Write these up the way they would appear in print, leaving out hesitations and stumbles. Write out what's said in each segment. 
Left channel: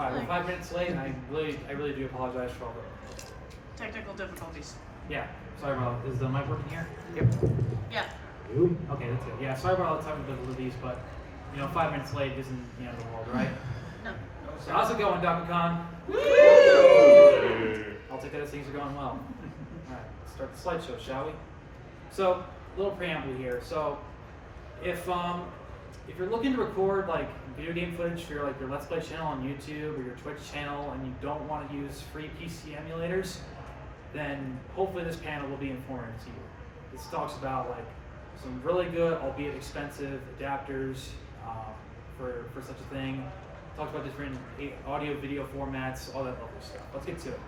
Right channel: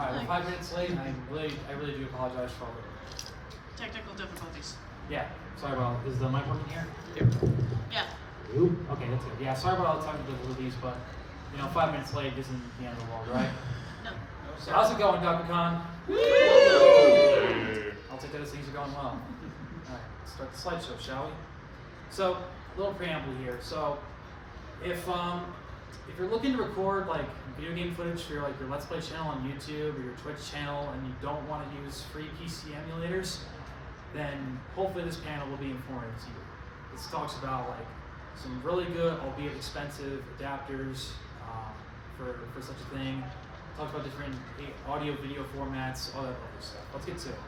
Alright, we're 5 minutes late, and I really do apologize for all the technical difficulties. Yeah, sorry about. Is the mic working here? Yeah. Okay, that's good. Yeah, sorry about all the technical difficulties, but 5 minutes late isn't the end of the world, right? No. So how's it going, Daku Con? I'll take that as things are going well. Alright, let's start the slideshow, shall we? So, a little preamble here. So, if you're looking to record like video game footage for your Let's Play channel on YouTube or your Twitch channel, and you don't want to use free PC emulators, then hopefully this panel will be informative to you. This talks about like some really good, albeit expensive, adapters for such a thing. Talks about different audio, video formats, all that other stuff. Let's get to it.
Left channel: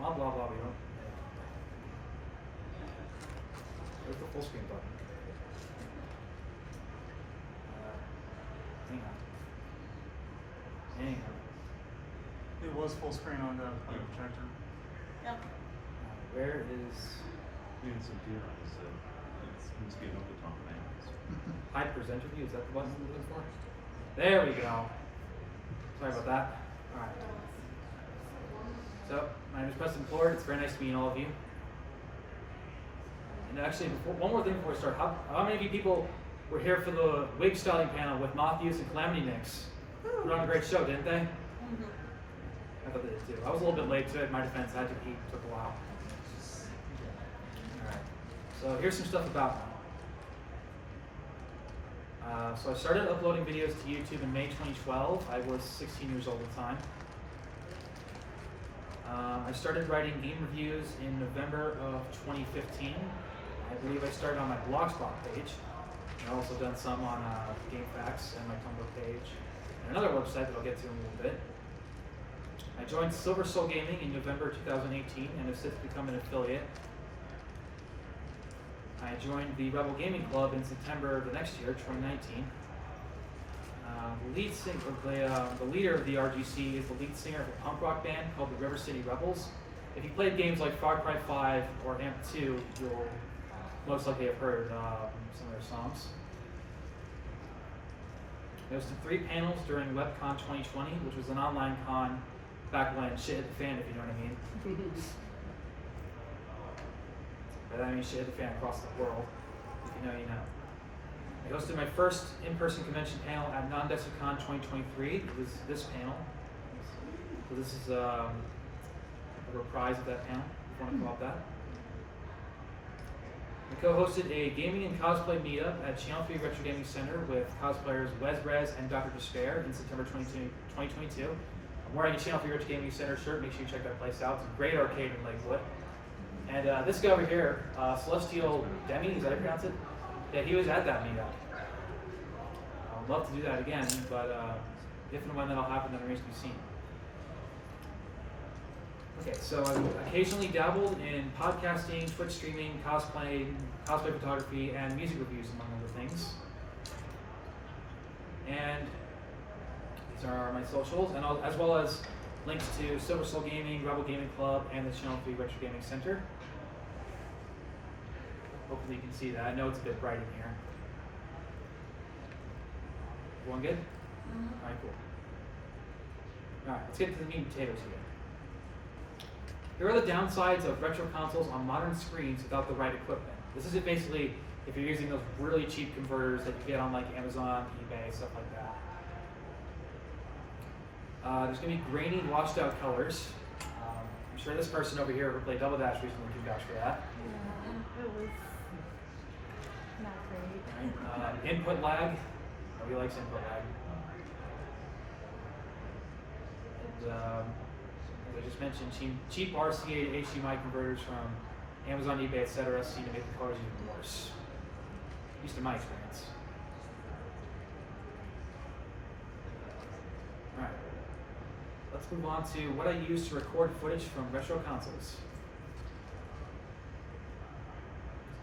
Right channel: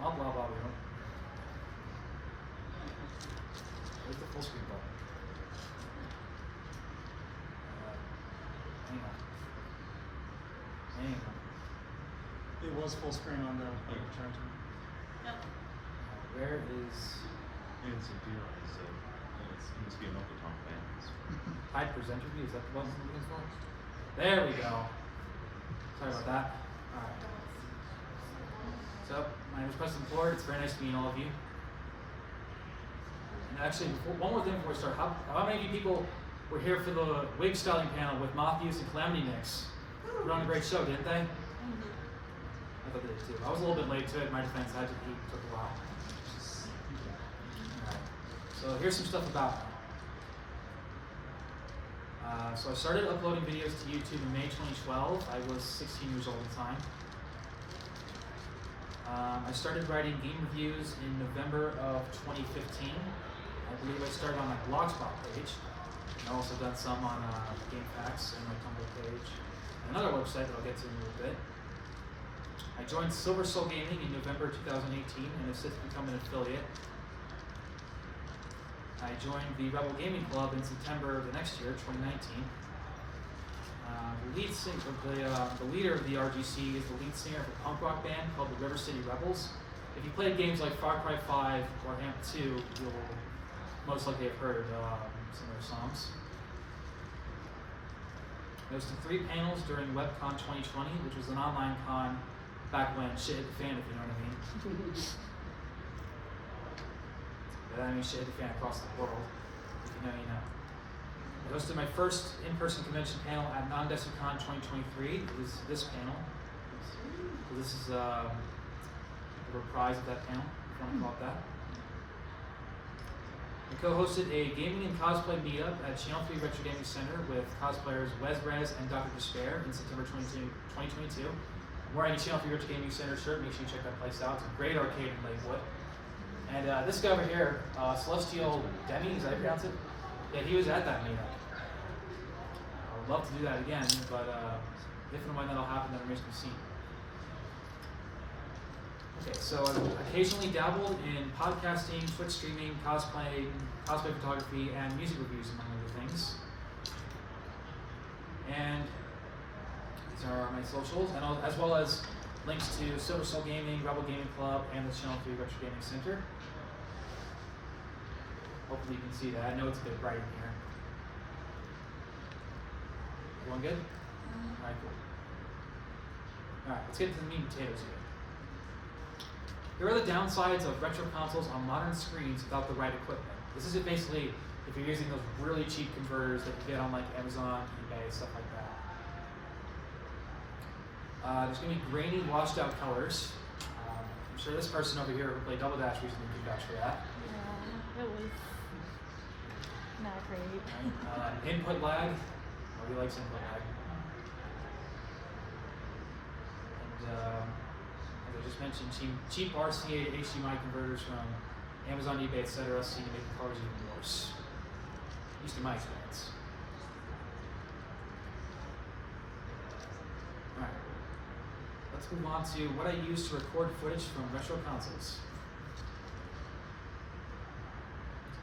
Blah blah blah. Where's the full screen button? Hang on. It was full screen on the projector. Yeah. Where is It's a deal. It needs to be up the top of hide presenter view? Is that the button we're looking for? There we go. Sorry about that. Alright. So, my name is Preston Ford. It's very nice to meet all of you. And actually, one more thing before we start. How many of you people were here for the wig styling panel with Matthews and Calamity Nix? They were on a great show, didn't they? I thought they did too. I was a little bit late to it. In my defense, I had to eat. It took a while. Alright. So here's some stuff about me. So I started uploading videos to YouTube in May 2012. I was 16 years old at the time. I started writing game reviews in November of 2015. I believe I started on my Blogspot page. I've also done some on GameFAQs and my Tumblr page. And another website that I'll get to in a little bit. I joined Silver Soul Gaming in November 2018 and have since become an affiliate. I joined the Rebel Gaming Club in September the next year, 2019. The leader of the RGC is the lead singer of a punk rock band called the River City Rebels. If you played games like Far Cry 5 or AMP 2, you'll most likely have heard some of their songs. I hosted 3 panels during WebCon 2020, which was an online con back when shit hit the fan, if you know what I mean. But I mean shit hit the fan across the world. If you know, you know. I hosted my first in-person convention panel at Non-DesicCon 2023. It was this panel. So this is a reprise of that panel, if you want to call it that. I co-hosted a gaming and cosplay meetup at Channel 3 Retro Gaming Center with cosplayers Wes and Dr. Despair in September 2022. I'm wearing a Channel 3 Retro Gaming Center shirt. Make sure you check that place out. It's a great arcade in Lakewood. And this guy over here, Celestial Demi, is that how you pronounce it? Yeah, he was at that meetup. I would love to do that again, but if and when that'll happen, then remains to be seen. Okay, so I've occasionally dabbled in podcasting, Twitch streaming, cosplay photography, and music reviews, among other things. And these are my socials, and as well as links to Silver Soul Gaming, Rebel Gaming Club, and the Channel 3 Retro Gaming Center. Hopefully you can see that. I know it's a bit bright in here. Everyone good? Alright, cool. Alright, let's get to the meat and potatoes here. Here are the downsides of retro consoles on modern screens without the right equipment. This is it basically if you're using those really cheap converters that you get on like Amazon, eBay, stuff like that. There's going to be grainy, washed out colors. I'm sure this person over here who played Double Dash recently could vouch for that. Yeah, it was not great. Input lag. Nobody likes input lag. And as I just mentioned, cheap RCA to HDMI converters from Amazon, eBay, etc. seem to make the colors even worse. At least in my experience. Alright. Let's move on to what I use to record footage from retro consoles.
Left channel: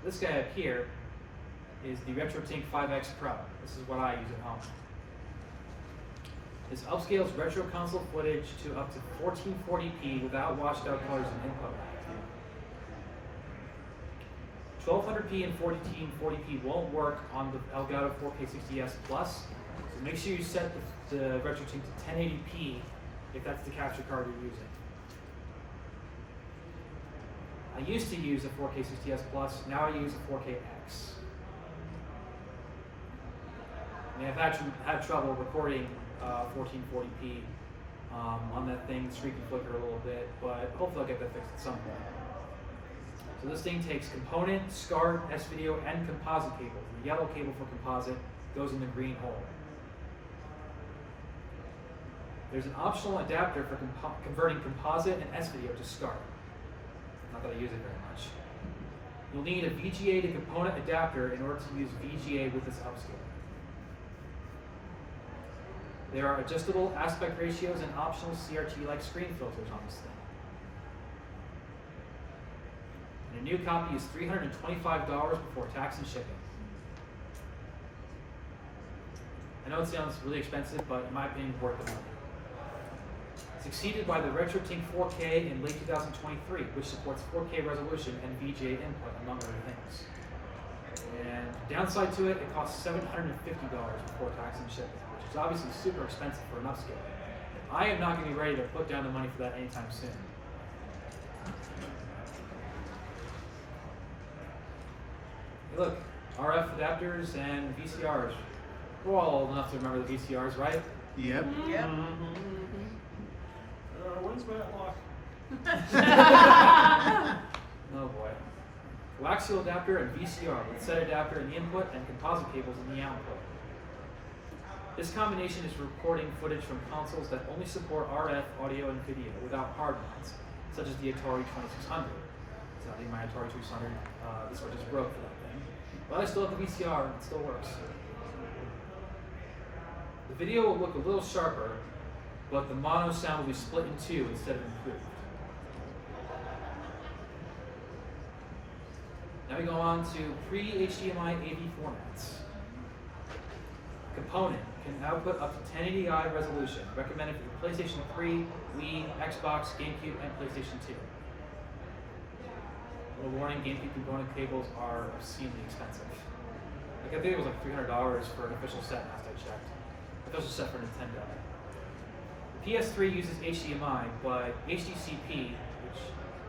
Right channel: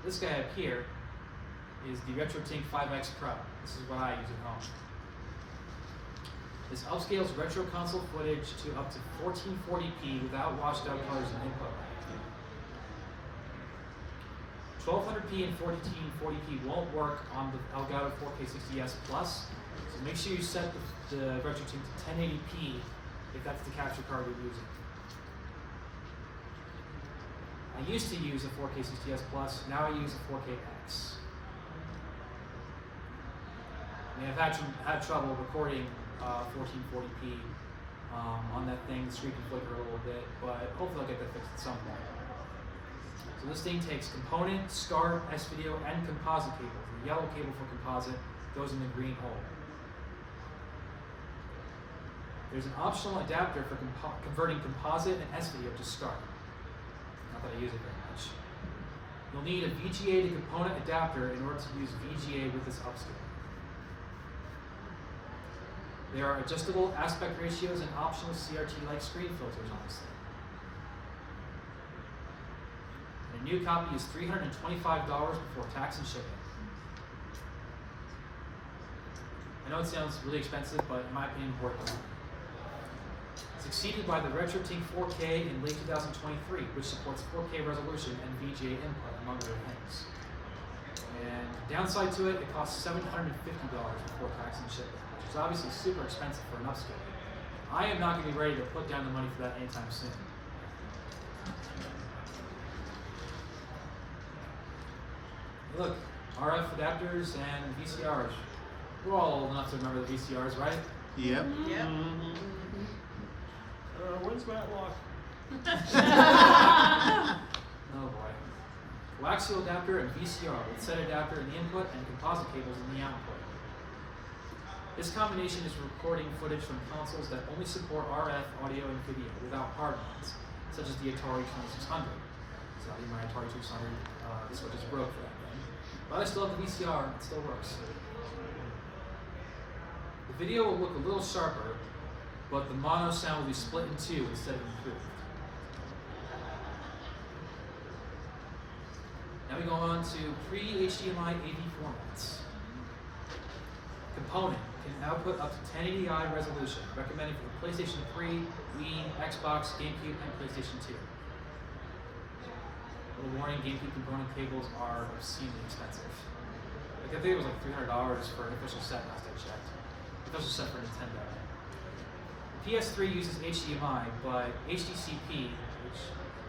This guy up here is the RetroTink 5X Pro. This is what I use at home. This upscales retro console footage to up to 1440p without washed out colors and input. 1200p and 1440p won't work on the Elgato 4K 60s Plus, So make sure you set the RetroTink to 1080p if that's the capture card you're using. I used to use a 4K 60S Plus, now I use a 4KX. I mean, I've had trouble recording 1440p on that thing. The screen can flicker a little bit, but hopefully I'll get that fixed at some point. So this thing takes component, SCART, S-Video, and composite cables. The yellow cable for composite goes in the green hole. There's an optional adapter for converting composite and S-Video to SCART. Not that I use it very much. You'll need a VGA to component adapter in order to use VGA with this upscaler. There are adjustable aspect ratios and optional CRT-like screen filters on this thing. A new copy is $325 before tax and shipping. I know it sounds really expensive, but in my opinion, worth the money. Succeeded by the RetroTink 4K in late 2023, which supports 4K resolution and VGA input, among other things. And downside to it, it costs $750 before tax and shipping, which is obviously super expensive for an upscale. I am not going to be ready to put down the money for that anytime soon. Look, RF adapters and VCRs. We're all old enough to remember the VCRs, right? Yep. Yep. When's Matlock? Oh boy. Coaxial adapter and VCR with set adapter in the input and composite cables in the output. This combination is recording footage from consoles that only support RF audio and video without hard mods, such as the Atari 2600. Sadly, my Atari 2600, this one just broke for that thing. But I still have the VCR and it still works. The video will look a little sharper, but the mono sound will be split in two instead of improved. Now we go on to pre-HDMI AV formats. Component can output up to 1080i resolution, recommended for the PlayStation 3, Wii, Xbox, GameCube, and PlayStation 2. Little warning, GameCube component cables are obscenely expensive. Like I think it was like $300 for an official set last I checked. Official set for Nintendo. The PS3 uses HDMI, but HDCP, which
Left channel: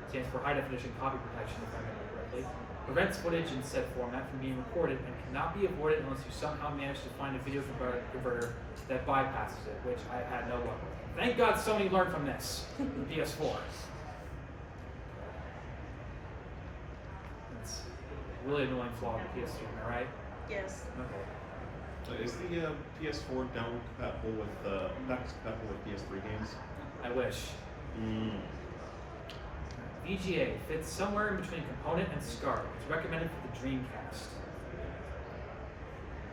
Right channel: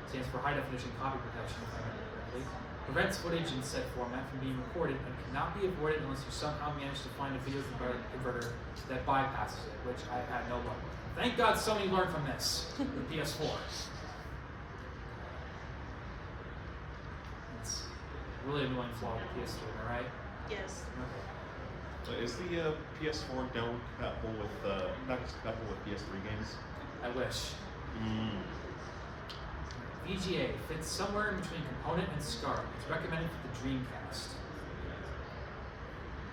stands for High Definition Copy Protection if I remember correctly, prevents footage in said format from being recorded and cannot be avoided unless you somehow manage to find a video converter that bypasses it, which I had no luck with. Thank God Sony learned from this with the PS4. It's a really annoying flaw with the PS3, am I right? Yes. Okay. Is the PS4 now compatible with, not compatible with PS3 games? I wish. VGA fits somewhere in between component and SCART. It's recommended for the Dreamcast.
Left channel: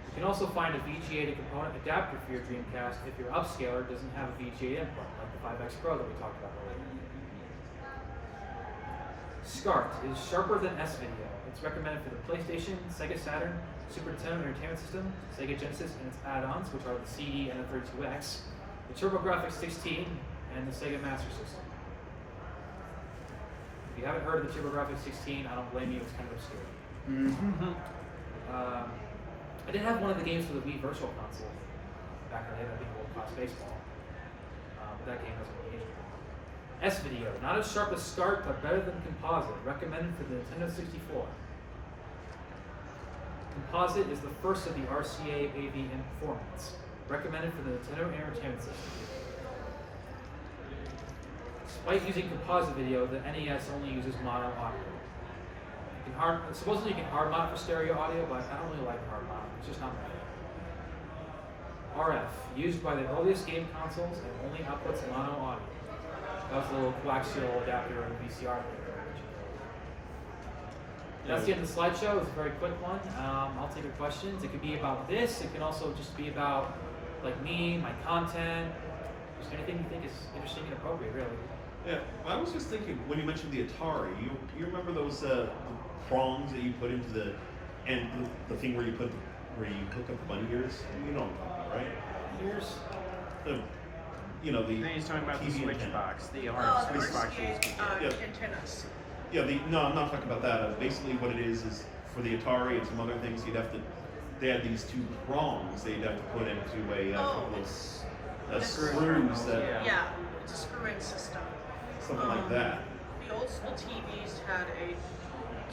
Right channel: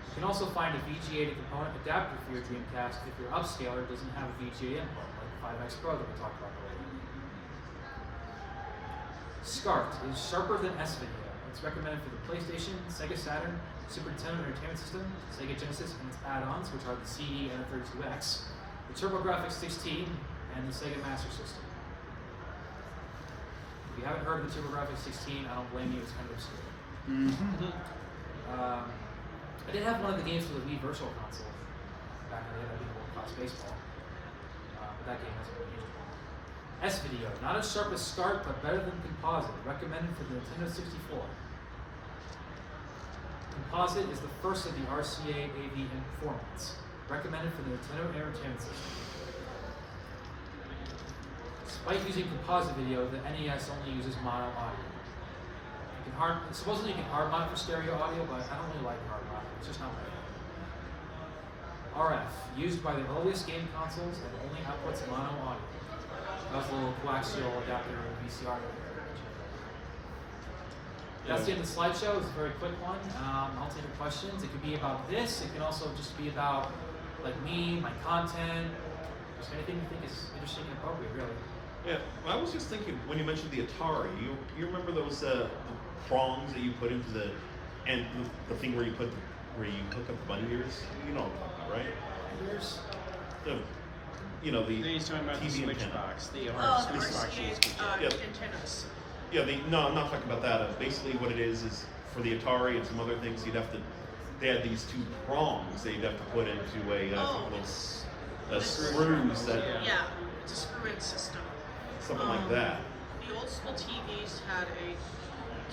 You can also find a VGA to component adapter for your Dreamcast if your upscaler doesn't have a VGA input, like the 5X Pro that we talked about earlier. SCART is sharper than S-Video. It's recommended for the PlayStation, Sega Saturn, Super Nintendo Entertainment System, Sega Genesis and its add-ons, which are the CD and the 32X, the TurboGrafx 16, and the Sega Master System. If you haven't heard of the TurboGrafx 16, I don't blame you, it's kind of obscure. I did have one of the games for the Wii Virtual Console back in the day that did World Class Baseball, but that game hasn't really aged well. S-Video, not as sharp as SCART, but better than Composite, recommended for the Nintendo 64. Composite is the first of the RCA AV formats, recommended for the Nintendo Entertainment System. Despite using composite video, the NES only uses mono audio. Supposedly you can hard mod for stereo audio, but I don't really like hard mod. It's just not my thing. RF, used by the earliest game consoles and only outputs mono audio. That was the little coaxial adapter of VCR. That's the end of the slideshow. It's a very quick one. I'll take your questions. It could be about this. It can also just be about like me, my content, just anything you think is interesting and appropriate, really. Yeah, I was just thinking when you mentioned the Atari, you remember those the prongs that you put into the the thing where you hook up the bunny ears? You know what I'm talking about, right? Ears? The He's talking about the TV switch antenna. box, the Oh, the switch box. RCA Yeah. antennas. Yeah, no, I'm not talking about that. Basically, what it is for the Atari and some other things, you'd have to. they had these two prongs that you'd have to put into a Oh. a screws that Yeah, it's a screw-in system. something like that. The old school TVs had a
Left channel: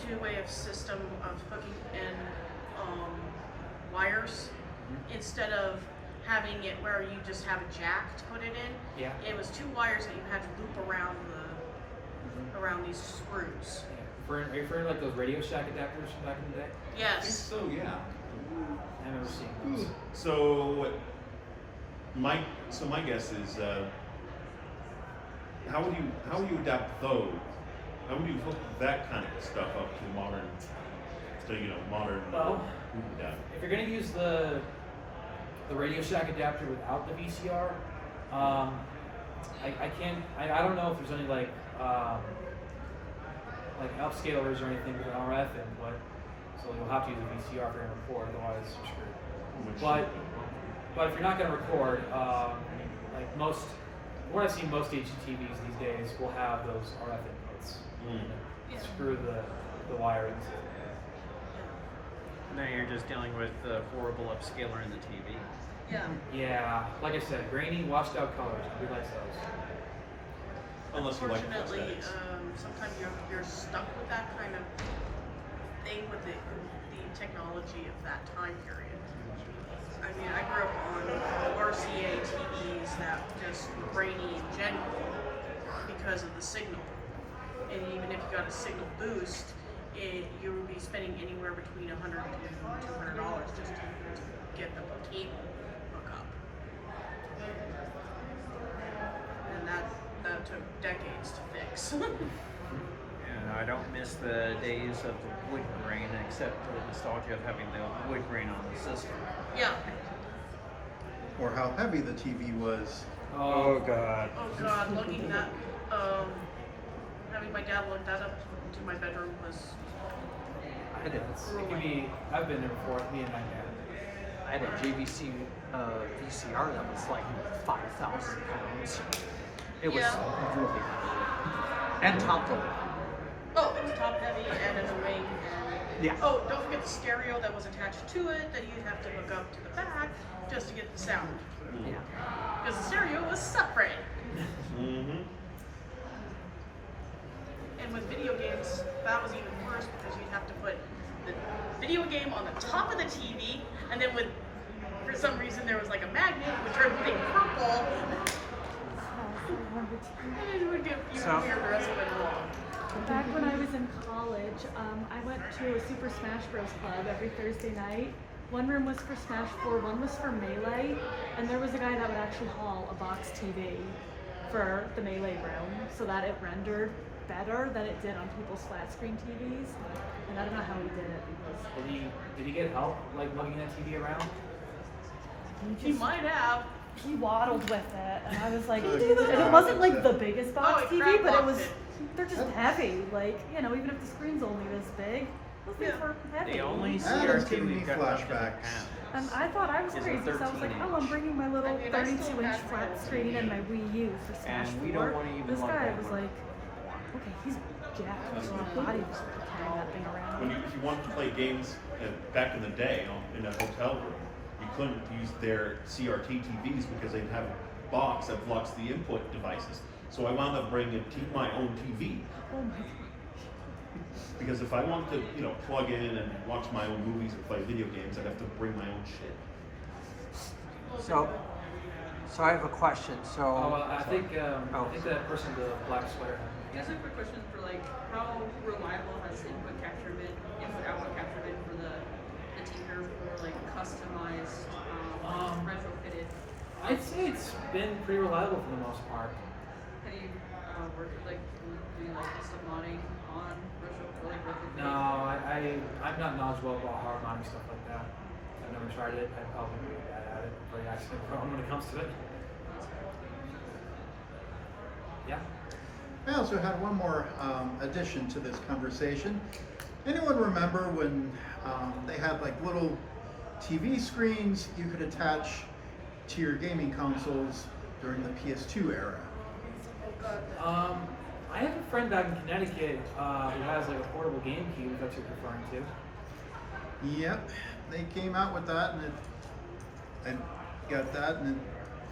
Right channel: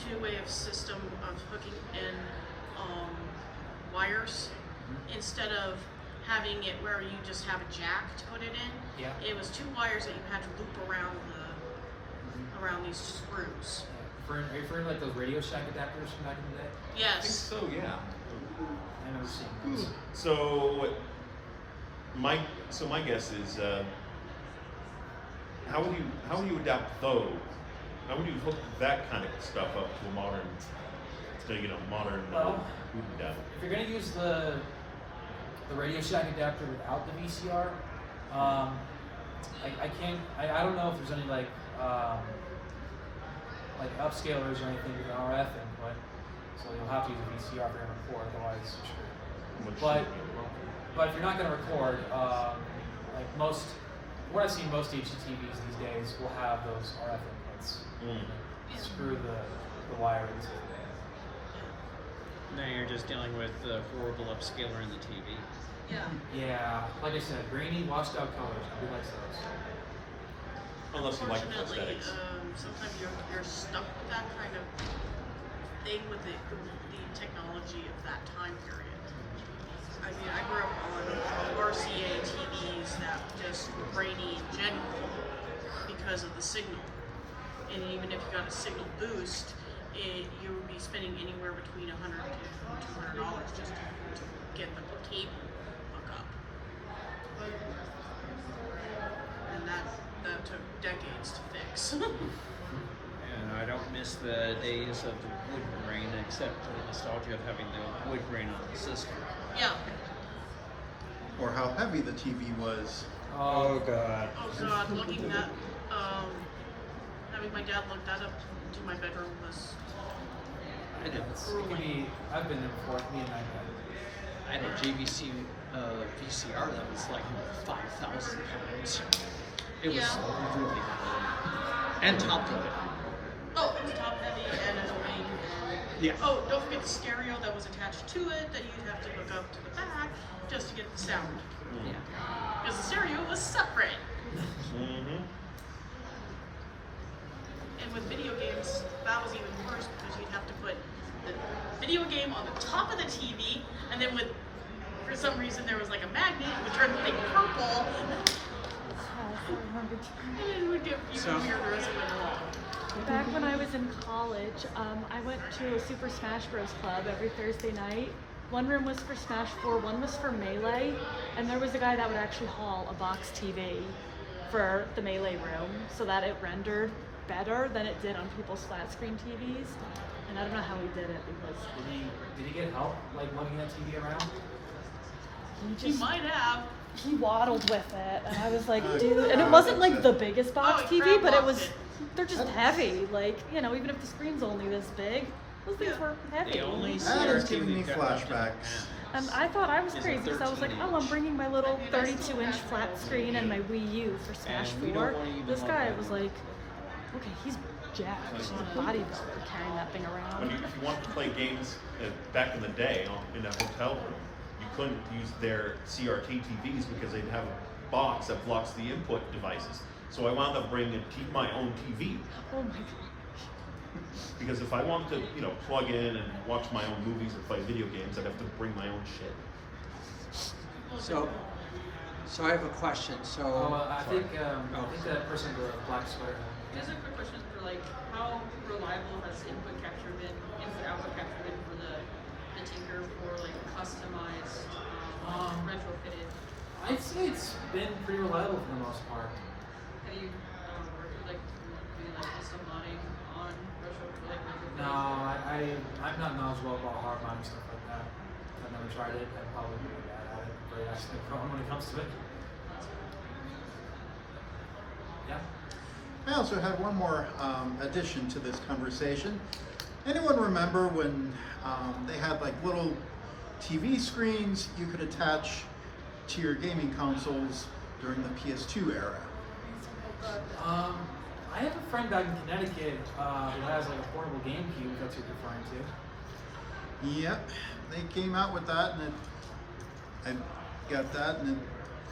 two-way of system of hooking in wires instead of having it where you just have a jack to put it in. Yeah. It was two wires that you had to loop around around these screws. Are you referring to like those Radio Shack adapters from back in the day? Yes. So yeah. I've never seen those. So my guess is how would you adapt those? How would you hook that kind of stuff up to a modern Well, adapter? if you're gonna use the Radio Shack adapter without the VCR, I don't know if there's any like upscalers or anything with RF input, so you'll have to use a VCR if you're gonna record, otherwise you're screwed. But if you're not gonna record, what I've seen most HDTVs these days will have those RF inputs. Yeah. Screw the wire into. No, you're just dealing with the horrible upscaler in the TV. Yeah. Yeah, like I said, grainy, washed out colors. Who likes those? Unless you like the Unfortunately, aesthetics. sometimes you're stuck with that kind of thing with the technology of that time period. I mean, I grew up on RCA TVs that just were grainy in general because of the signal. And even if you got a signal boost, you would be spending anywhere between $100 to $200 just to get the cable hookup. And that took decades to fix. And I don't miss the days of the wood grain, except for the nostalgia of having the wood grain on the system. Yeah. Or how heavy the TV was. Oh God. Oh God, lugging that, having my dad lug that up to my bedroom was It can be. I've been there before. Me and my dad. I had a GVC VCR that was like 5,000 pounds. It was Yeah. really heavy. And top load. Oh, it was top heavy and in a wing. And Yeah. oh, don't forget the stereo that was attached to it that you'd have to hook up to the back just to get the sound. Yeah. Because the stereo was separate. Mm-hmm. And with video games, that was even worse because you'd have to put the video game on the top of the TV, and then for some reason there was like a magnet, it would turn the thing purple, and it would get even weird the rest of it long. Back when I was in college, I went to a Super Smash Bros. Club every Thursday night. One room was for Smash 4, one was for Melee, and there was a guy that would actually haul a box TV for the Melee room so that it rendered better than it did on people's flat screen TVs. And I don't know how he did it because Did he get help like lugging that TV around? You might have. he waddled with it, and I was like, dude, and it wasn't like the biggest box he TV, but it crab was, walked it. they're just heavy, like, you know, even if the screen's only this big, those things Yeah. weren't heavy. The only That is giving me CRT got flashbacks. And I thought I was Was a crazy, so I was like, 13 oh, I'm bringing my little I mean, I still 32-inch have flat my screen and my Wii U for Smash And we 4. don't believe This in guy love was like, okay, he's jacked. He's a bodybuilder carrying that thing around. If you wanted to play games back in the day in a hotel room, you couldn't use their CRT TVs because they'd have a box that blocks the input devices. So I wound up bringing my own TV Oh my god. because if I wanted to, plug in and watch my own movies or play video games, I'd have to bring my own shit. So I have a question. So I think that person with the black sweater. Just a quick question for how reliable has input output capture been for the Tinker for customized, retrofitted? I'd say it's been pretty reliable for the most part. Have you worked with doing custom modding on retrofitting? No, I'm not knowledgeable about hard modding stuff like that. I've never tried it. I'd probably be bad at it. Very accident prone when it comes to it. Yeah. I also had one more addition to this conversation. Anyone remember when they had like little TV screens you could attach to your gaming consoles during the PS2 era? I have a friend back in Connecticut who has like a portable GameCube. That's what you're referring to. Yep. they came out with that, and I got that, and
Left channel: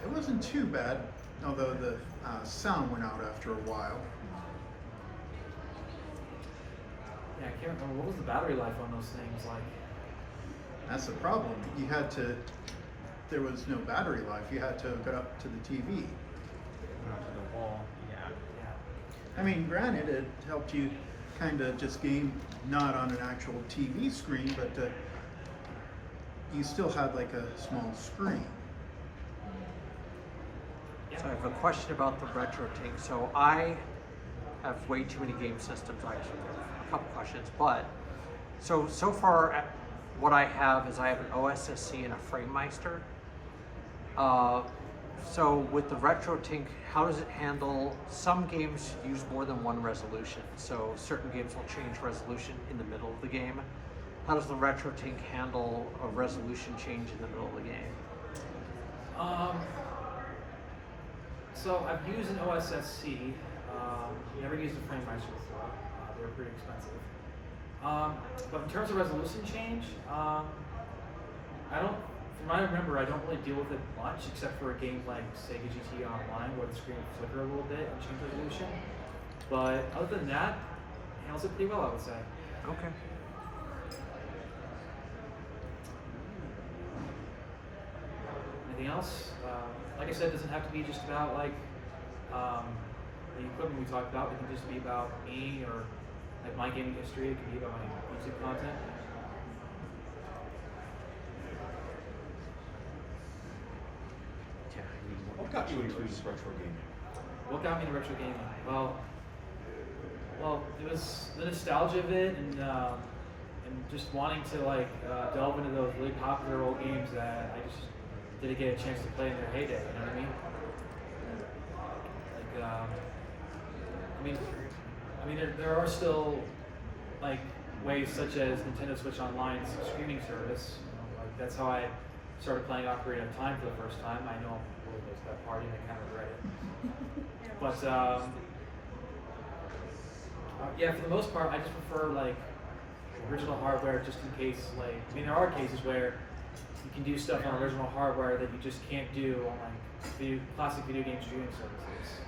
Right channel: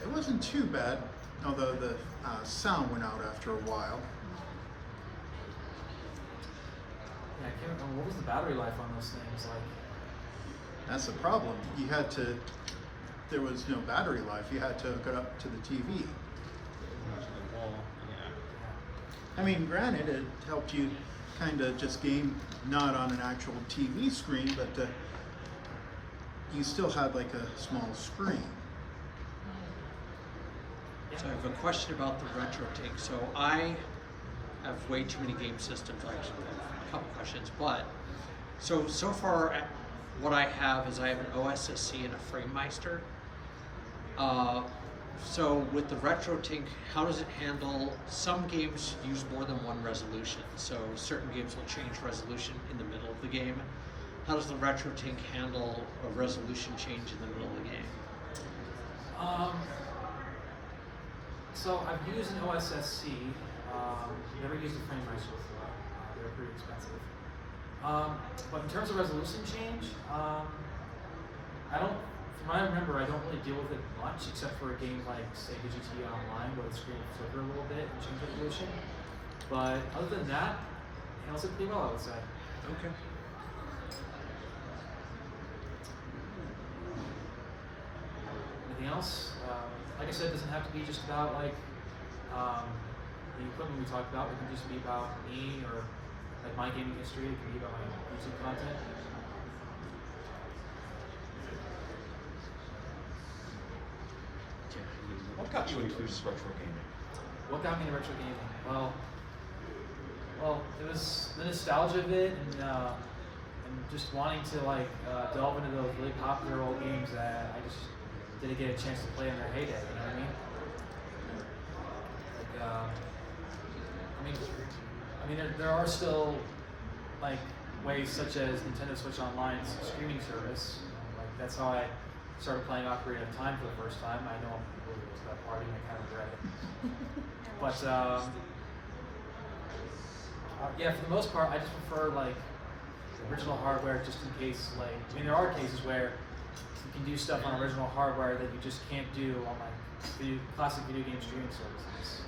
it wasn't too bad, although the sound went out after a while. Yeah, I can't remember, what was the battery life on those things like? That's the problem. You had to, there was no battery life. You had to hook it up to the TV. I mean, granted, it helped you kind of just game not on an actual TV screen, but you still had like a small screen. So I have a question about the retro thing. So I have way too many game systems. I actually have a couple questions, but so far what I have is I have an OSSC and a FrameMeister. So with the RetroTink, how does it handle, some games use more than one resolution, so certain games will change resolution in the middle of the game. How does the RetroTink handle a resolution change in the middle of the game? So I've used an OSSC, never used a FrameMeister before, they're pretty expensive. But in terms of resolution change, from what I remember, I don't really deal with it much, except for a game like Sega GT Online, where the screen will flicker a little bit and change resolution. But other than that, it handles it pretty well, I would say. Okay. Anything else? Like I said, it doesn't have to be just about like the equipment we talked about. It can just be about me or like my gaming history. It can be about my YouTube content. What got you into this retro gaming? What got me into retro gaming? Well, it was the nostalgia of it, and just wanting to like delve into those really popular old games that I just didn't get a chance to play in their heyday. You know what I mean? Like, I mean, there are still like ways such as Nintendo Switch Online's streaming service. Like that's how I started playing Ocarina of Time for the first time. I know it really was that party, and I kind of regret it. But yeah, for the most part, I just prefer like original hardware, just in case. Like, I mean, there are cases where you can do stuff on original hardware that you just can't do on like the classic video game streaming services.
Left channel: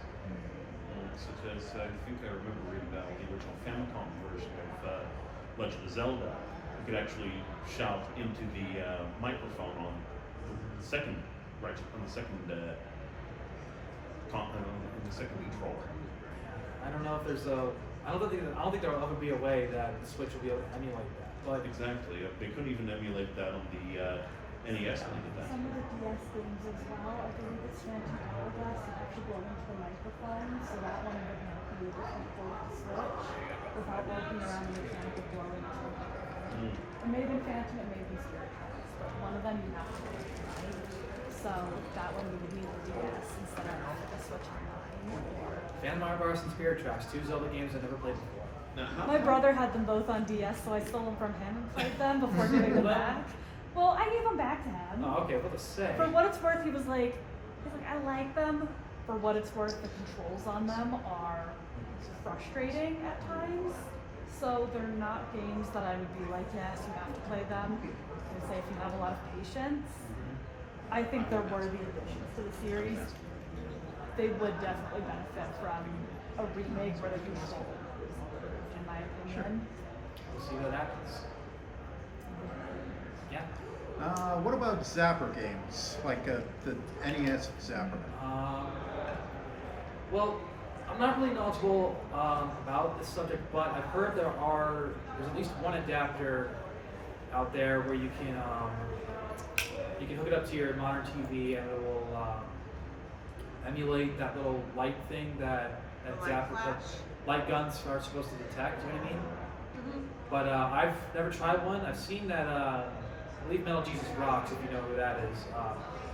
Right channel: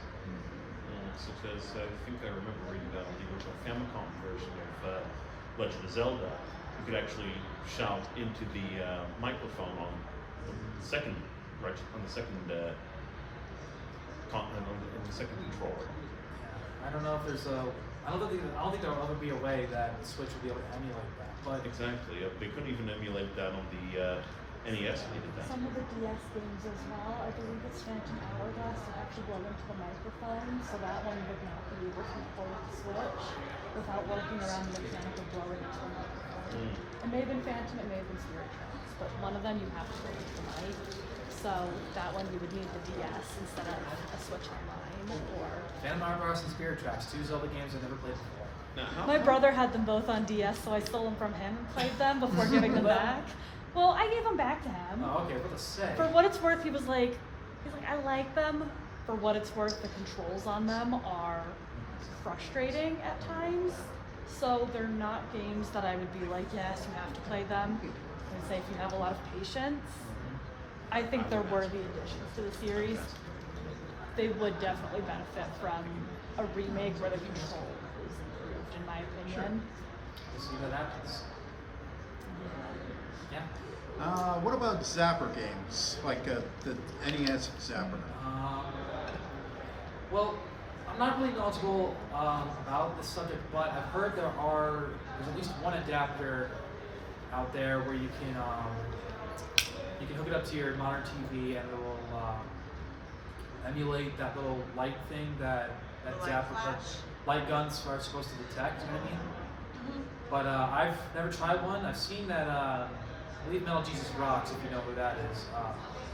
Such as, I think I remember reading about the original Famicom version of Legend of Zelda. You could actually shout into the microphone on the second controller. I don't know if there's I don't think there will ever be a way that the Switch will be able to emulate that. But Exactly. They couldn't even emulate that on the NES when they did that. Some of the DS games as well, I believe it's Phantom Hourglass that actually go into the microphone, so that one would not be able to control the Switch without working around the mechanical door into the microphone. It may have been Phantom, it may have been Spirit Tracks, but one of them you have to do, right? So that one we would need the DS instead of the Switch Online or... Phantom Hourglass and Spirit Tracks, two Zelda games I never played before. My brother had them both on DS, so I stole them from him and played them before giving them back. Well, I gave them back to him. Oh, okay, what to say? For what it's worth, he was like, I like them. For what it's worth, the controls on them are frustrating at times. So they're not games that I would be like, yes, you have to play them. And say if you have a lot of patience, I think they're worthy additions to the series. They would definitely benefit from a remake where the controller is improved, in my opinion. We'll see what happens. Yeah. What about Zapper games, like the NES Zapper? Well, I'm not really knowledgeable about this subject, but I've heard there's at least one adapter out there where you can hook it up to your modern TV and it will emulate that little light thing that Zapper, light guns are supposed to detect. You know what I mean? Mm-hmm. But I've never tried one. I've seen that. I believe Metal Jesus Rocks, if you know who that is,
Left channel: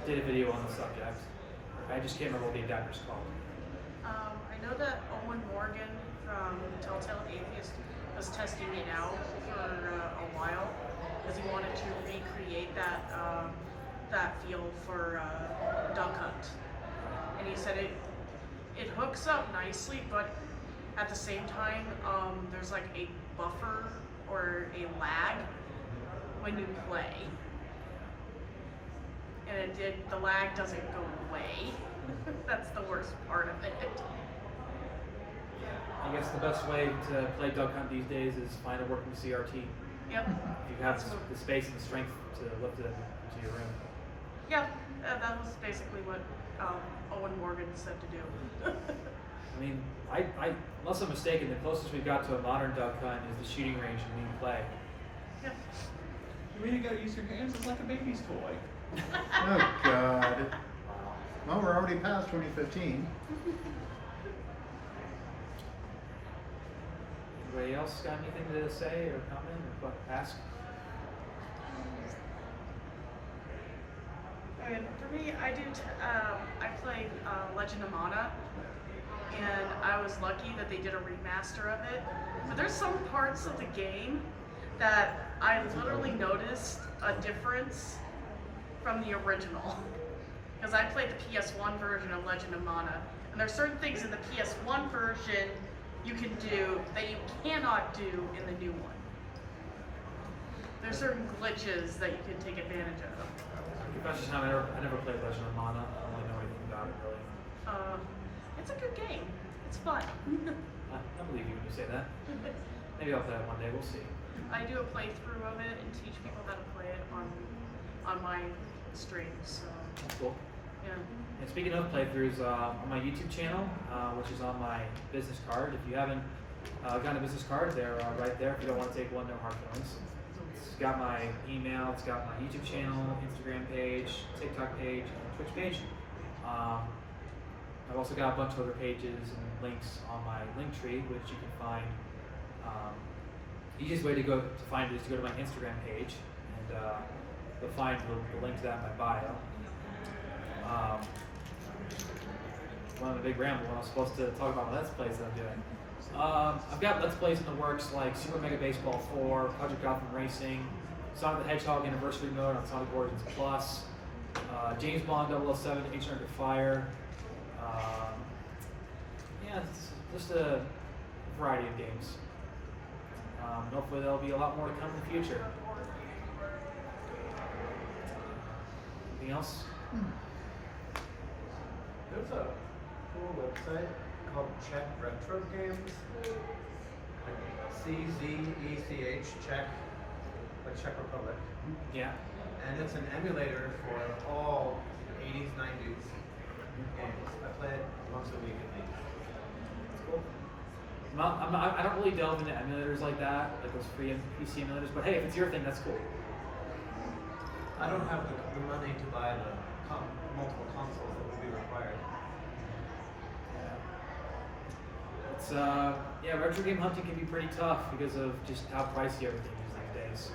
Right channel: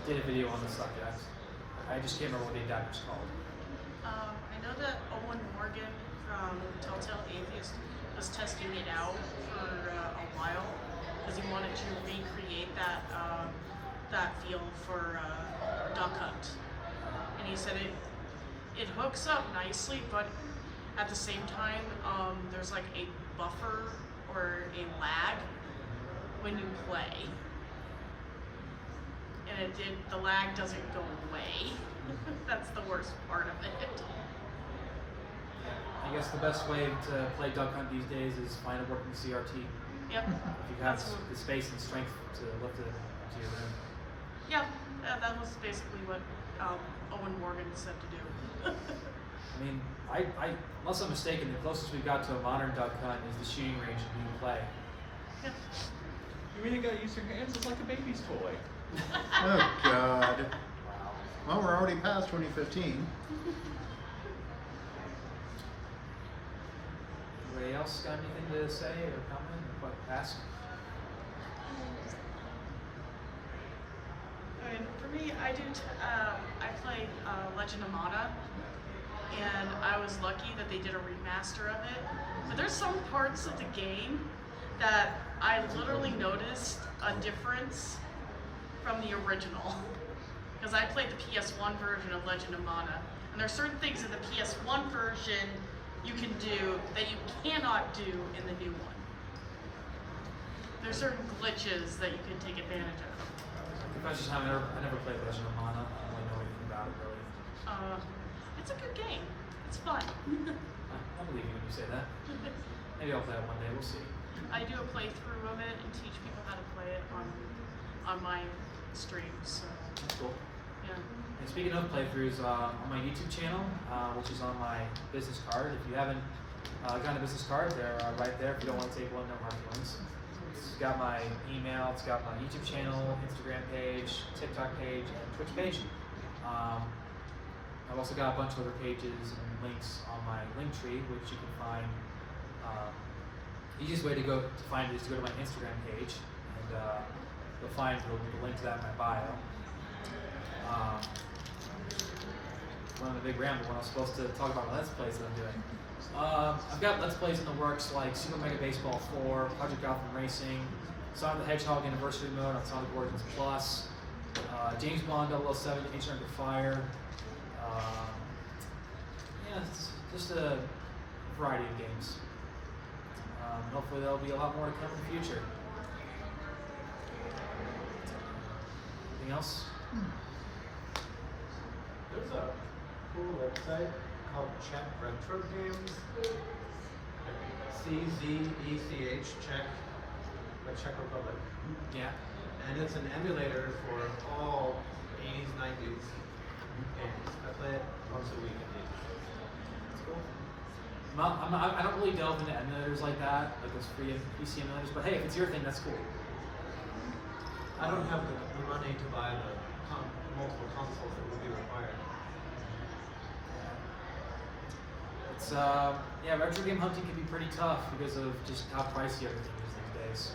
did a video on the subject. I just can't remember what the adapter's called. I know that Owen Morgan from Telltale Atheist was testing it out for a while because he wanted to recreate that feel for Duck Hunt, and he said it hooks up nicely, but at the same time there's like a buffer or a lag when you play. And the lag doesn't go away. That's the worst part of it. I guess the best way to play Duck Hunt these days is find a working CRT. Yep. If you have That's what- the space and strength to lift it into your room. Yeah, that was basically what Owen Morgan said to do. I mean, unless I'm mistaken, the closest we got to a modern Duck Hunt is the shooting range in New Play. Yep. You mean you gotta use your hands? It's like a baby's toy. Oh God. Well, we're already past 2015. Anybody else got anything to say or comment or ask? Okay, for me, I played Legend of Mana, and I was lucky that they did a remaster of it. But there's some parts of the game that I literally noticed a difference from the original. Because I played the PS1 version of Legend of Mana, and there's certain things in the PS1 version you can do that you cannot do in the new one. There's certain glitches that you can take advantage of. Confession time, I never played Legend of Mana. I don't really know anything about it really. It's a good game. It's fun. I believe you when you say that. Maybe I'll play it one day, we'll see. I do a playthrough of it and teach people how to play it on my stream. So That's cool. yeah. And speaking of playthroughs, on my YouTube channel, which is on my business card, if you haven't gotten a business card, they're right there. If you don't want to take one, no hard feelings. It's got my email, it's got my YouTube channel, Instagram page, TikTok page, and Twitch page. I've also got a bunch of other pages and links on my link tree, which you can find. The easiest way to find it is to go to my Instagram page, and you'll find the link to that in my bio. One of the big ramble when I was supposed to talk about Let's Plays that I'm doing. I've got Let's Plays in the works like Super Mega Baseball 4, Project Gotham Racing, Sonic the Hedgehog Anniversary Mode on Sonic Origins Plus, James Bond 007 Agent Under Fire. Yeah, it's just a variety of games. Hopefully there'll be a lot more to come in the future. Anything else? There's a cool website called Czech Retro Games. CZECH, Czech, like Czech Republic. Yeah. And it's an emulator for all 80s, 90s games. I play it once a week at least. That's cool. I don't really delve into emulators like that, like those free PC emulators, but hey, if it's your thing, that's cool. I don't have the money to buy the multiple consoles that would be required. It's yeah, retro game hunting can be pretty tough because of just how pricey everything is these days.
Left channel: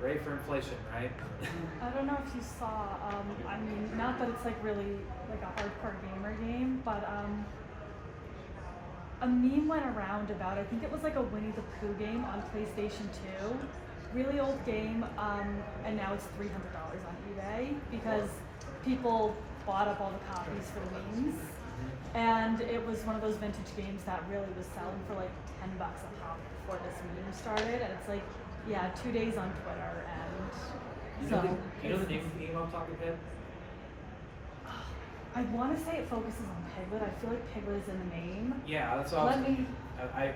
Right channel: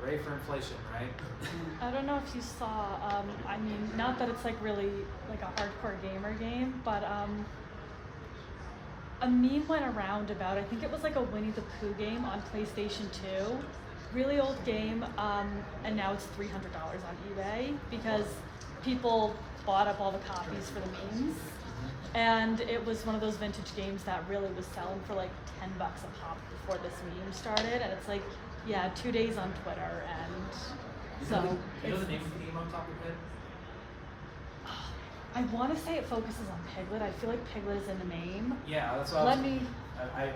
Ready for inflation, right? I don't know if you saw, I mean, not that it's like really like a hardcore gamer game, but a meme went around about, I think it was like a Winnie the Pooh game on PlayStation 2. Really old game, and now it's $300 on eBay because people bought up all the copies for the memes. And it was one of those vintage games that really was selling for like $10 a pop before this meme started. And it's like, yeah, 2 days on Twitter, and so. You know the name of the game I'm talking about? I want to say it focuses on Piglet. I feel like Piglet is in the name. Yeah, that's what Let me. I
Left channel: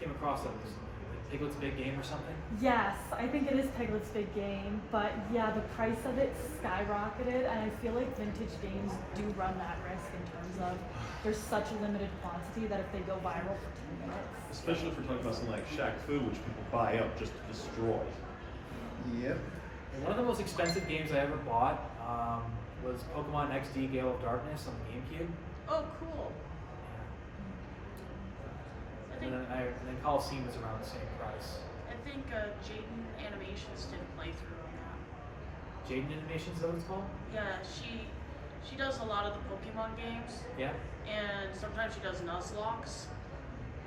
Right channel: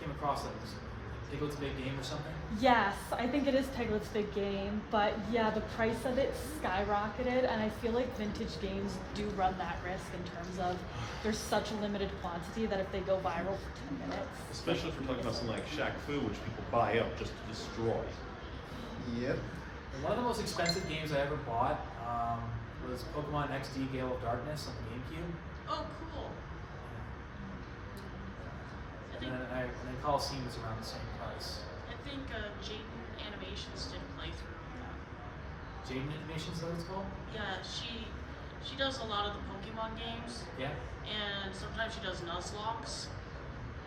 came across it. It was Piglet's Big Game or something. Yes, I think it is Piglet's Big Game, but yeah, the price of it skyrocketed, and I feel like vintage games do run that risk in terms of there's such a limited quantity that if they go viral for 10 minutes. Especially if we're talking about something like Shaq Fu, which people buy up just to destroy. Yep. And one of the most expensive games I ever bought was Pokemon XD Gale of Darkness on the GameCube. Oh, cool. I think And then Coliseum is around the same price. Jaden Animations did a playthrough on that. Jaden Animations, is that what it's called? Yeah, she does a lot of the Pokemon games, Yeah. and sometimes she does Nuzlocke,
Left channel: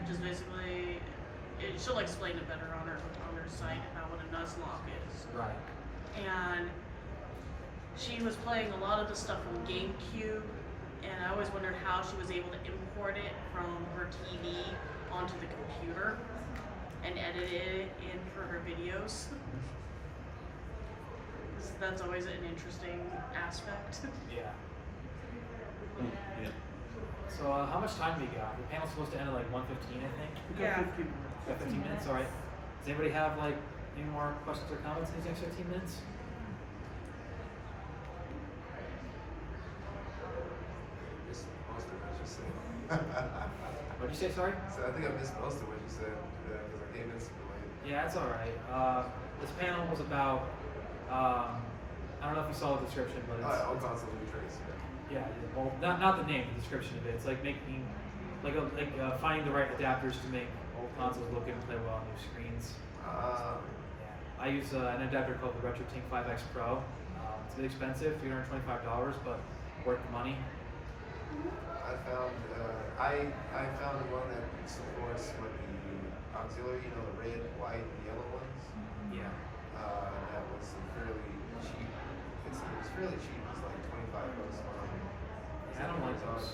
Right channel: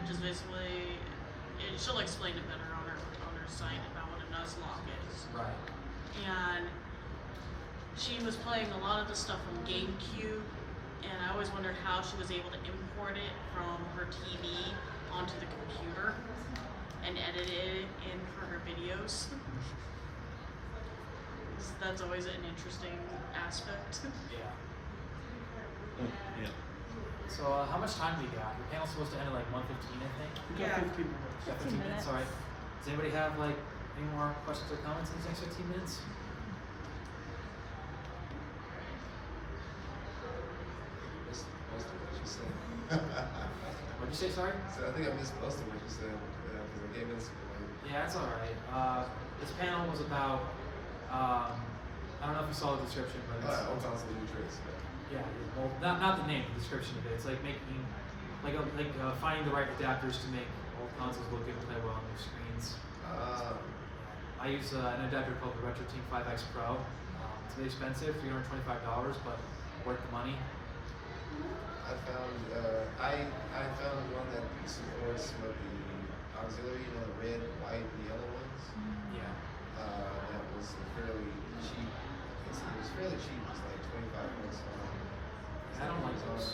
which is basically she'll explain it better on her site about what a Nuzlocke is. Right. And she was playing a lot of the stuff from GameCube, and I always wondered how she was able to import it from her TV onto the computer. and edit it in for her videos. That's always an interesting aspect. Yeah. Yeah. So how much time do we got? Your panel's supposed to end at like 1:15, I think. Yeah. 15 minutes. Got 15 minutes, all right. Does anybody have like any more questions or comments in these next 15 minutes? Missed most of what you said. What'd you say, sorry? So I think I missed most of what you said because I gave it some. Yeah, it's all right. This panel was about, I don't know if you saw the description, but it's, All console trace. yeah, well, not the name, the description of it. It's like making, finding the right adapters to make old consoles look good and play well on new screens. I use an adapter called the RetroTink 5X Pro. It's really expensive, $325, but worth the money. I found one that supports what the auxiliary, you know, the red, white, and yellow ones. Yeah. That was fairly cheap. It was fairly cheap. It's like $25. I don't like those.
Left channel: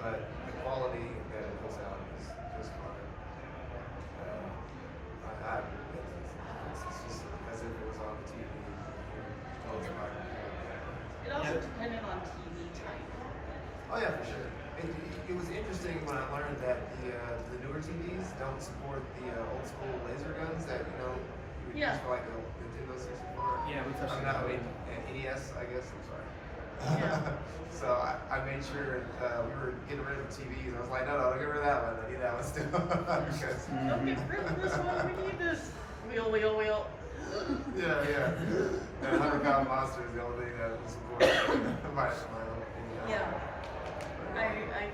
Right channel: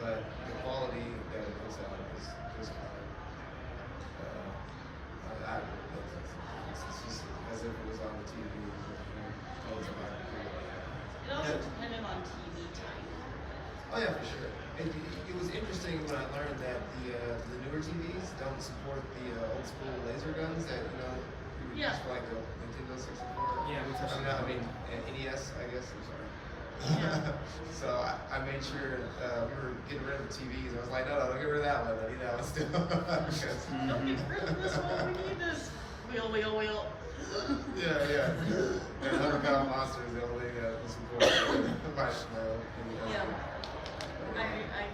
But the quality that it was out is fine. It's just as if it was on the TV. It also depended on TV type. Oh yeah, for sure. It was interesting when I learned that the newer TVs don't support the old school laser guns that you Yeah. use for like the Nintendo 64. Yeah, we touched on that. NES, I guess. I'm sorry. Yeah. So I made sure we were getting rid of the TVs. I was like, no, don't get rid of that one. I need that one still. Because, Don't get rid of this one, we need this. Wheel. yeah. And 100-pound monster is the only thing that was supported. Yeah. I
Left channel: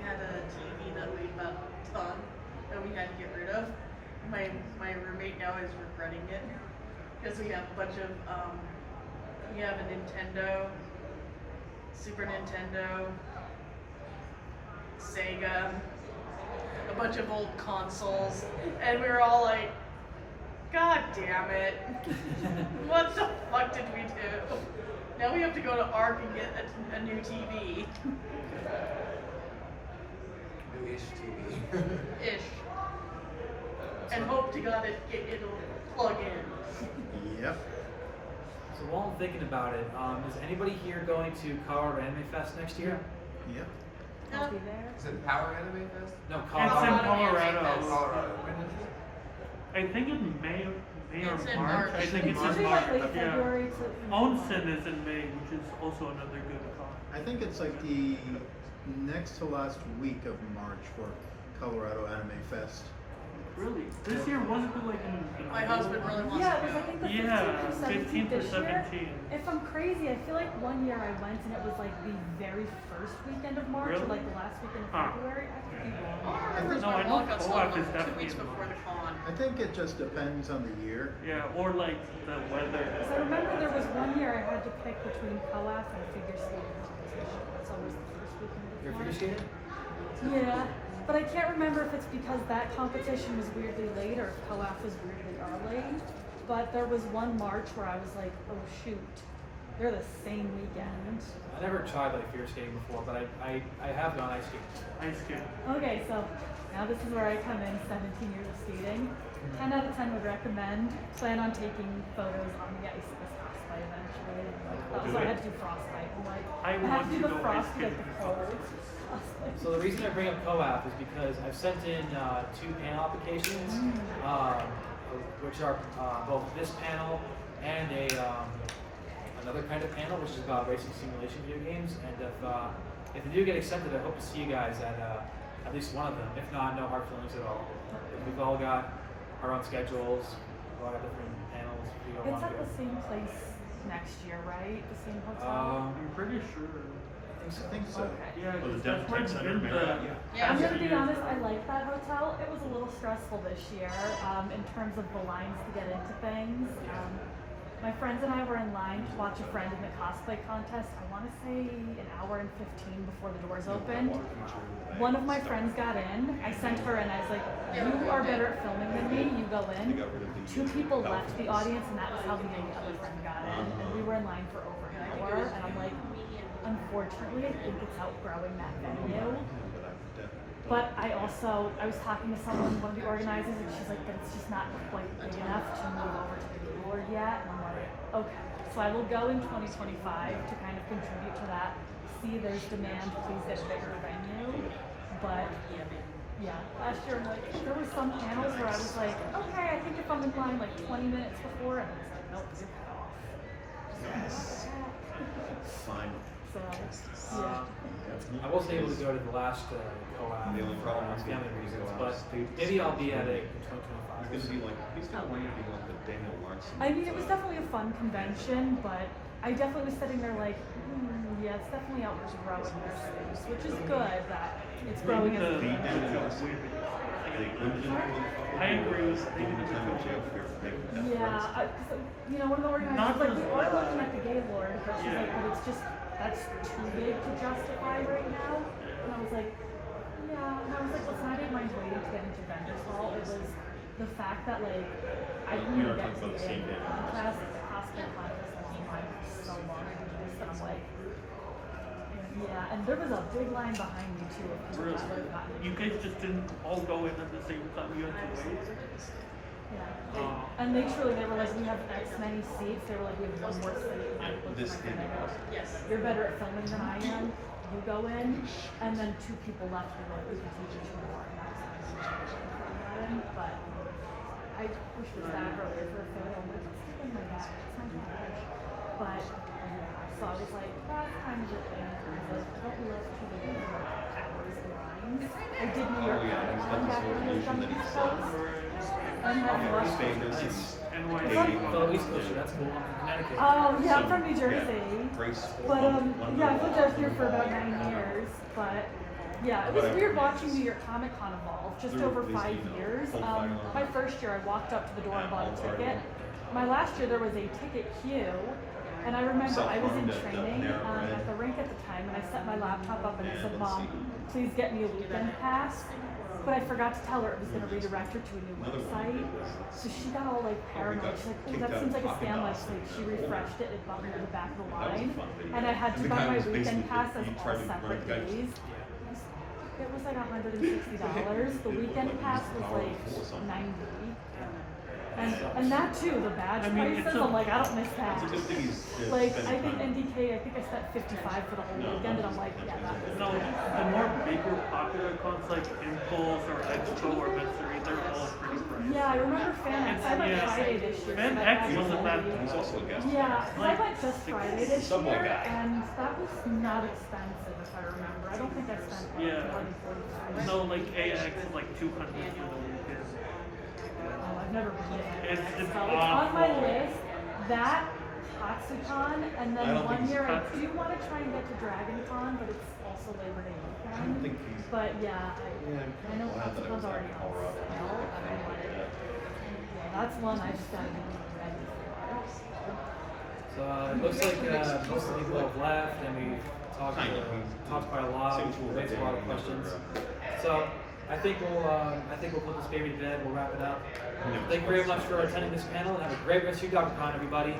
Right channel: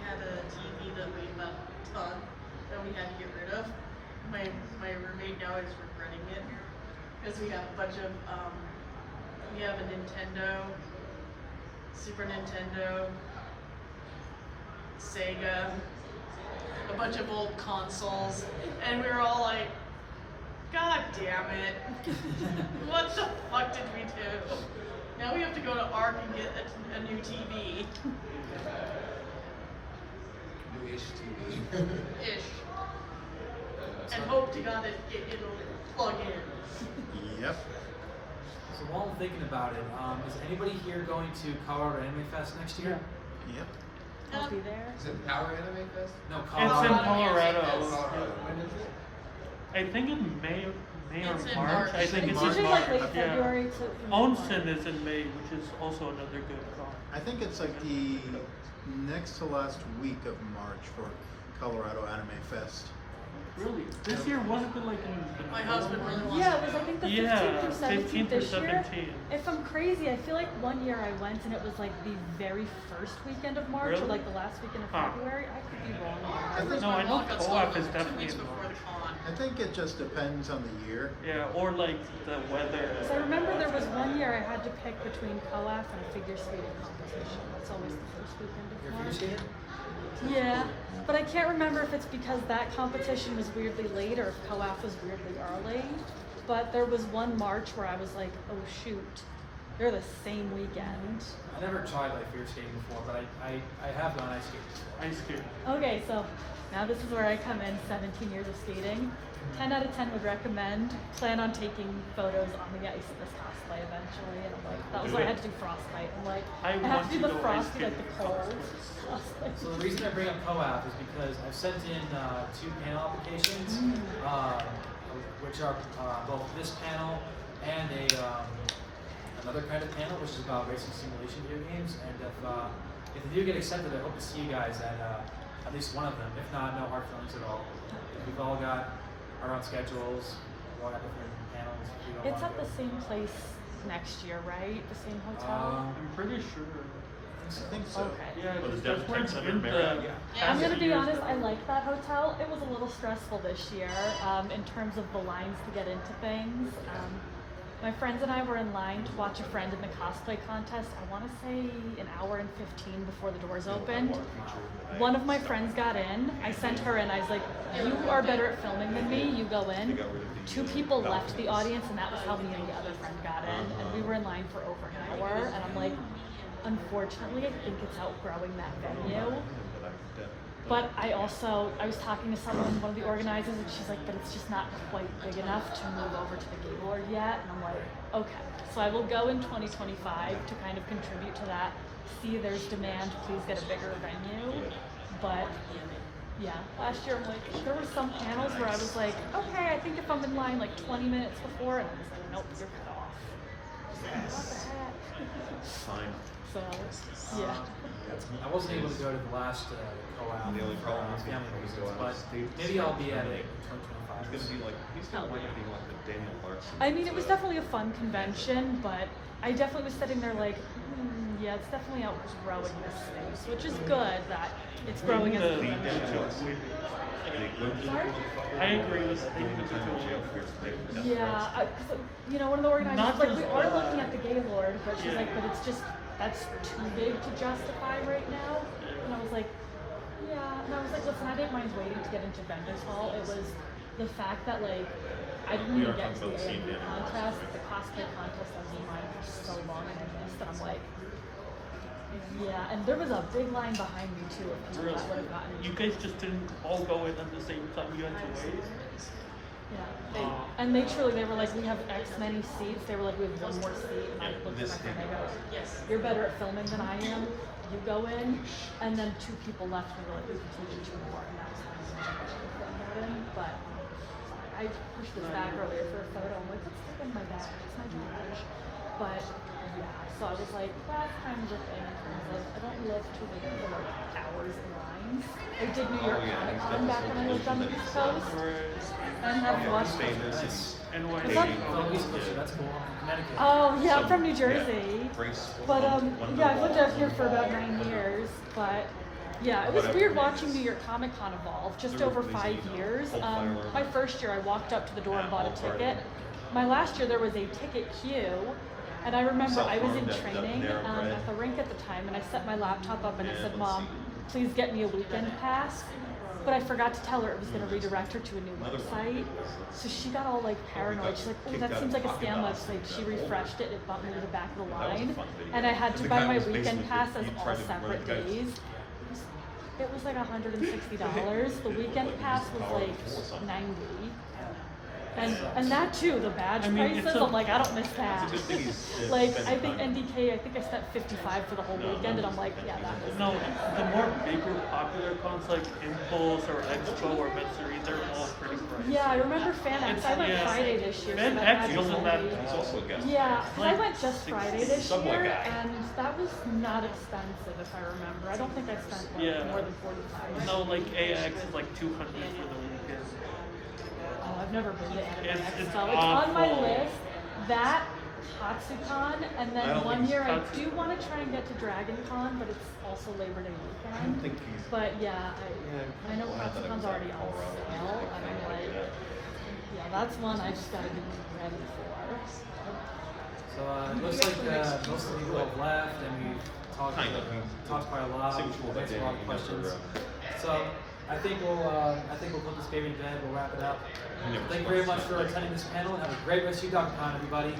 had a TV that weighed about a ton that we had to get rid of. My roommate now is regretting it because we have a bunch of we have a Nintendo, Super Nintendo, Sega, a bunch of old consoles, and we were all like, God damn it. What the fuck did we do? Now we have to go to ARC and get a new TV. New-ish TV. Ish. And hope to God it'll plug in. Yep. So while I'm thinking about it, is anybody here going to Colorado Anime Fest next year? Yep. I'll be there. Is it Power Anime Fest? No, It's in Colorado. Colorado. Colorado. When is it? I think in May It's or in March. March. I think It's it's usually in like March. late Yeah. February to. Onsen is in May, which is also another good con. I think it's like the next to last week of March for Colorado Anime Fest. Really? This year wasn't it like in My husband really wants Yeah, to it was I go. think the Yeah, 15th or 17th 15th or this year. 17th. If I'm crazy, I feel like one year I went and it was like the very first weekend of March or Really? like the last weekend of Huh. February. I could be All wrong. I remember is No, my I know mom got co-op stolen is 2 definitely weeks in before the con. I think it just depends on the year. Yeah, or like the weather. Because I remember there was one year I had to pick between co-op and figure skating competition. It's always the first weekend of You're a March. figure skater? Yeah, but I can't remember if it's because that competition was weirdly late or if co-op was weirdly early. But there was one March where I was like, oh shoot, they're the same weekend. I never tried like figure skating before, but I have gone ice skating before. Ice skate. Okay, so now this is where I come in, 17 years of skating. 10 out of 10 would recommend. Plan on taking photos on the ice this frostbite eventually. That was why I had to do frostbite. I'm like, I I have want to to do the go ice frost, like skating. the cold. Frostbite. So the reason I bring up co-op is because I've sent in 2 panel applications, which are both this panel and another kind of panel, which is about racing simulation video games. And if they do get accepted, I hope to see you guys at least one of them. If not, no hard feelings at all. We've all got our own schedules, a lot of different panels. If you don't It's wanna at the go. same place next year, right? The same hotel? I'm pretty sure. I think so. Okay. Yeah, Was that's where it's Denver been Center, the. Yeah. I'm gonna be years honest, ago. I like that hotel. It was a little stressful this year in terms of the lines to get into things. My friends and I were in line to watch a friend in the cosplay contest. I want to say an hour and 15 before the doors opened. One of my friends got in. I sent her in. I was like, you are better at filming than me. You go in. 2 people left the audience, and that was how me and the other friend got in. And we were in line for over an hour. And I'm like, unfortunately, I think it's outgrowing that venue. But I was talking to someone, one of the organizers, and she's like, but it's just not quite big enough to move over to the Gaylord yet. And I'm like, okay. So I will go in 2025 to kind of contribute to that. See there's demand, please get a bigger venue. But yeah, last year, like, there were some panels where I was like, okay, I think if I'm in line like 20 minutes before, and I was like, nope, you're cut off. Fine. So, yeah. I wasn't able to go to the last collab for family reasons, but maybe I'll be at it in 2025. It's gonna be like, who's gonna want to be like the Daniel Larson? I mean, it was definitely a fun convention, but I definitely was sitting there like, yeah, it's definitely outgrowing this space, which is good that it's growing as a I agree with you. Yeah, you know, one of the organizers was like, we are looking at the Gaylord, but she's like, but it's just, that's too big to justify right now. And I was like, yeah, and I was like, listen, I didn't mind waiting to get into vendors hall. It was the fact that like, I didn't even get to the AMD contest, like the cosplay contest has been on for so long I missed, and I'm like, yeah, and there was a big line behind me too. Of people that would've gotten me. You guys just didn't all go in at the same time. You had to wait. Yeah. And they truly, they were like, we have X many seats. They were like, we have one more seat. And they go, yes, you're better at filming than I am. You go in, and then two people left. And were like, we can take you 2 more. And I was like, but I pushed this back earlier for a photo. I'm like, it's in my back. It's not too much. But so I was like, that's kind of the thing. I don't live to the hours and lines. I did New York Comic Con back when I was on the East Coast. And then Oh, East Coast, that's cool. Connecticut. Oh, yeah, I'm from New Jersey. But, yeah, I've lived out here for about 9 years. But, yeah, it was weird watching New York Comic Con evolve just over 5 years. My first year, I walked up to the door and bought a ticket. My last year, there was a ticket queue. And I remember I was in training at the rink at the time, and I set my laptop up and I said, Mom, please get me a weekend pass. But I forgot to tell her it was going to redirect her to a new website. So she got all like paranoid. She's like, oh, that seems like a scam website. She refreshed it, it bumped me to the back of the line. And I had to buy my weekend pass as all separate days. It was like $160. The weekend pass was like $90. And that too, the badge prices, I'm like, I don't miss that. Like, I think NDK, I think I spent $55 for the whole weekend, and I'm like, yeah, that was No, the more bigger popular cons like Impulse or Expo or Metsuri, they're all pretty pricey. Yeah, I remember FanX. I went Friday this year. And X wasn't that. He's also a guest. Yeah, I went just Friday this Subway year, guy. and that was not expensive if I remember. I don't think I spent more than $45. No, like AX is like 200 for the weekend. Oh, I've never been there. It's So it's on my awful. list. That, Con, and then one year I do want to try and get to Dragon Con, but it's also Labor Day weekend. But yeah, I know One's already on sale. And I'm like, yeah, that's one I just gotta get ready for. So it looks like most of the people have left, and we talked quite a lot. We answered a lot of questions. So I think we'll put this baby to bed. We'll wrap it up. Thank you very much for attending this panel, and have a great rest of your Daku Con, everybody.